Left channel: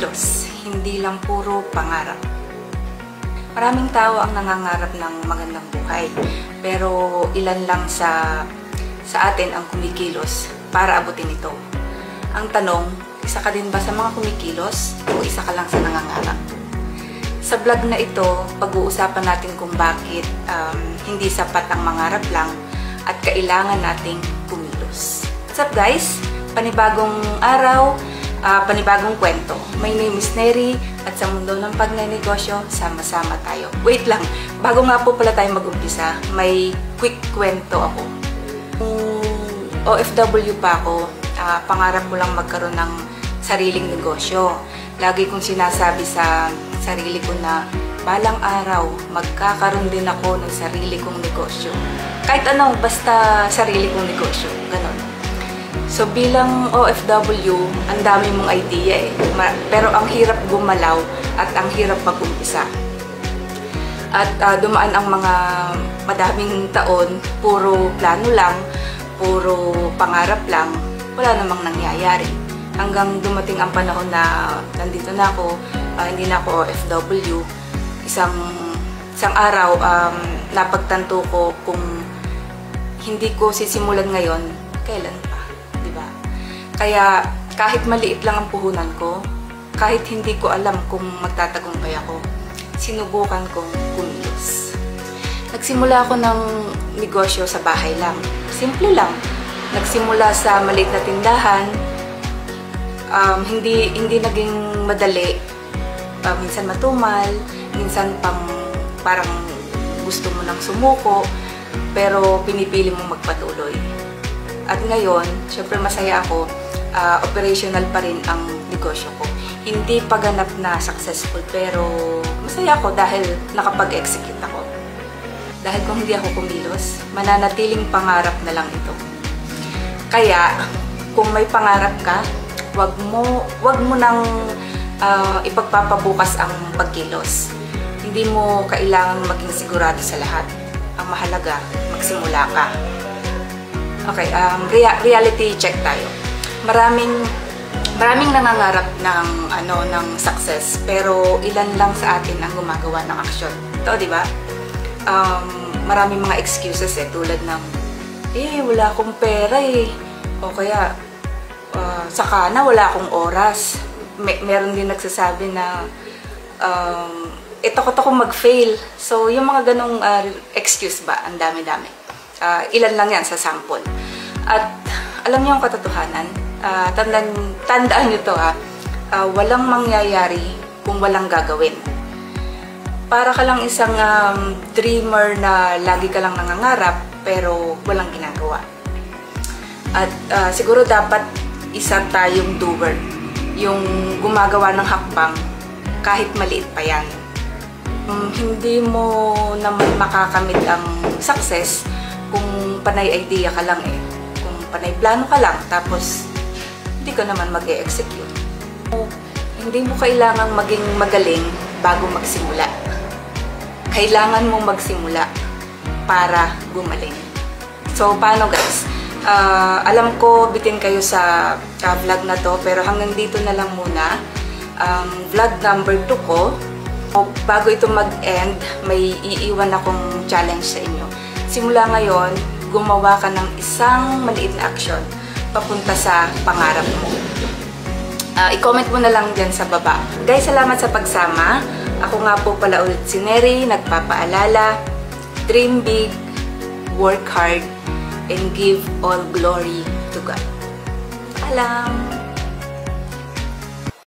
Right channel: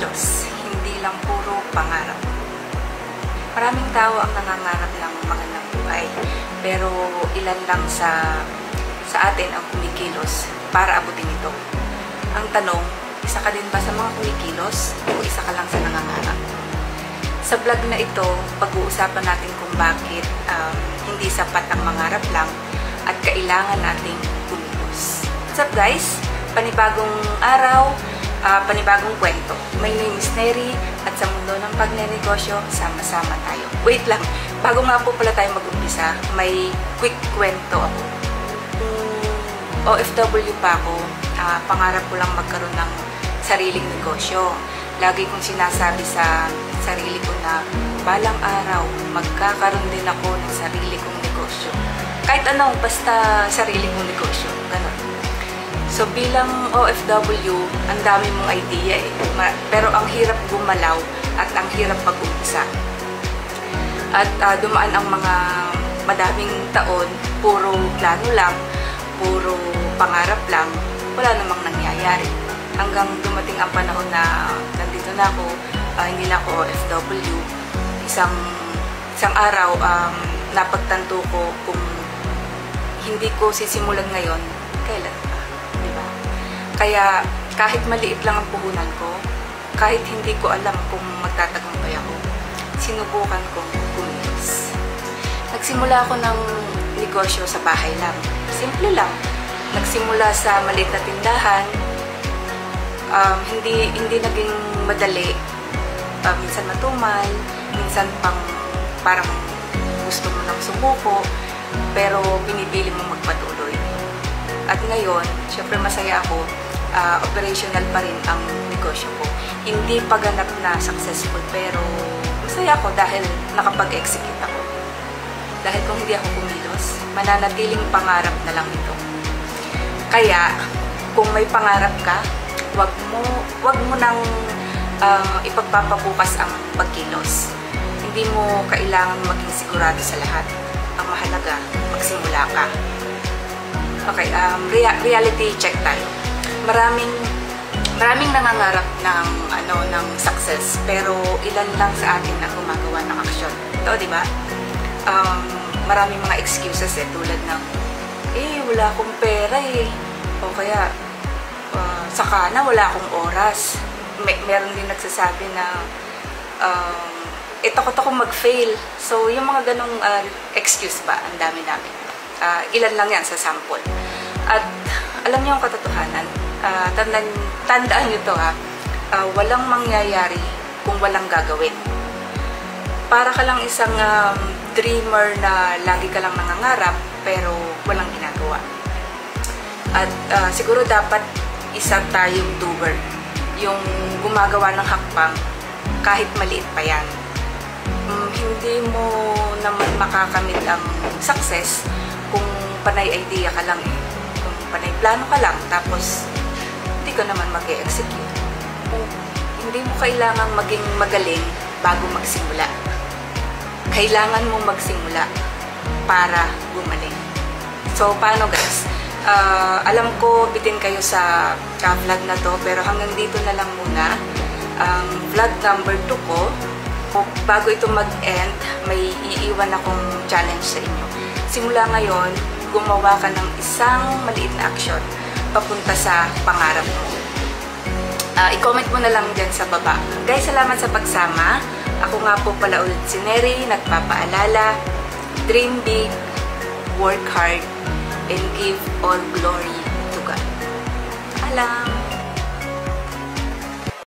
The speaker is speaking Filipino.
kumikilos, hindi lang puro pangarap. Maraming tao ang nangangarap ng magandang buhay, pero ilan lang sa atin ang kumikilos para abutin ito. Ang tanong, isa ka din ba sa mga kumikilos o isa ka lang sa nangangarap? Sa vlog na ito, pag-uusapan natin kung bakit hindi sapat ang mangarap lang at kailangan nating kumilos. What's up guys? Panibagong araw, panibagong kwento. My name is Neri at sa mundo ng pagnenegosyo, sama-sama tayo. Wait lang, bago nga po pala tayo mag-umpisa, may quick kwento ako. OFW pa ako, pangarap ko lang magkaroon ng sariling negosyo. Lagi kong sinasabi sa sarili ko na balang araw, magkakaroon din ako ng sarili kong negosyo. Kahit ano, basta sarili kong negosyo. Ganon. So bilang OFW, ang dami mong idea eh. Pero ang hirap gumalaw at ang hirap mag-umpisa. At dumaan ang mga madaming taon, puro plano lang, puro pangarap lang, wala namang nangyayari. Hanggang dumating ang panahon na nandito na ako, hindi na ako OFW. Isang araw, napagtanto ko kung hindi ko sisimulan ngayon, kailan pa, di ba? Kaya kahit maliit lang ang puhunan ko, kahit hindi ko alam kung magtatagumpay ako, sinubukan kong kumilos. Nagsimula ako ng negosyo sa bahay lang. Simple lang. Nagsimula sa maliit na tindahan, hindi naging madali. Minsan matumal, minsan parang gusto mo nang sumuko, pero pinipili mo magpatuloy. At ngayon, syempre masaya ako, operational pa rin ang negosyo ko. Hindi pa ganap na successful, pero masaya ako dahil nakapag-execute ako. Dahil kung hindi ako kumilos, mananatiling pangarap na lang ito. Kaya, kung may pangarap ka, wag mo nang ipagpapabukas ang pagkilos. Hindi mo kailangan maging sigurado sa lahat. Ang mahalaga, magsimula ka. Okay, reality check tayo. Maraming nangangarap ng success, pero ilan lang sa atin ang gumagawa ng action. Ito, di ba? Maraming mga excuses tulad ng wala akong pera o kaya saka na wala akong oras. Meron din nagsasabi na takot ako mag-fail. So yung mga ganong excuse ba, ang dami-dami. Ilan lang yan sa sample. At alam niyo ang katotohanan, tandaan niyo to walang mangyayari kung walang gagawin. Para ka lang isang dreamer na lagi ka lang nangangarap pero walang ginagawa. At siguro dapat isa tayong doer. Yung gumagawa ng hakbang kahit maliit pa yan. Hindi mo naman makakamit ang success kung panay idea ka lang Kung panay plano ka lang tapos hindi ka naman mag-e-execute. Hindi mo kailangang maging magaling bago magsimula. Kailangan mo magsimula para gumaling. So, paano guys? Alam ko bitin kayo sa vlog na to, pero hanggang dito na lang muna. Ang vlog number 2 ko. Bago ito mag-end, may iiwan akong challenge sa inyo. Simula ngayon, gumawa ka ng isang maliit na action papunta sa pangarap mo. I-comment mo na lang dyan sa baba. Guys, salamat sa pagsama. Ako nga po pala ulit si Neri, nagpapaalala, dream big, work hard, and give all glory to God. Alam!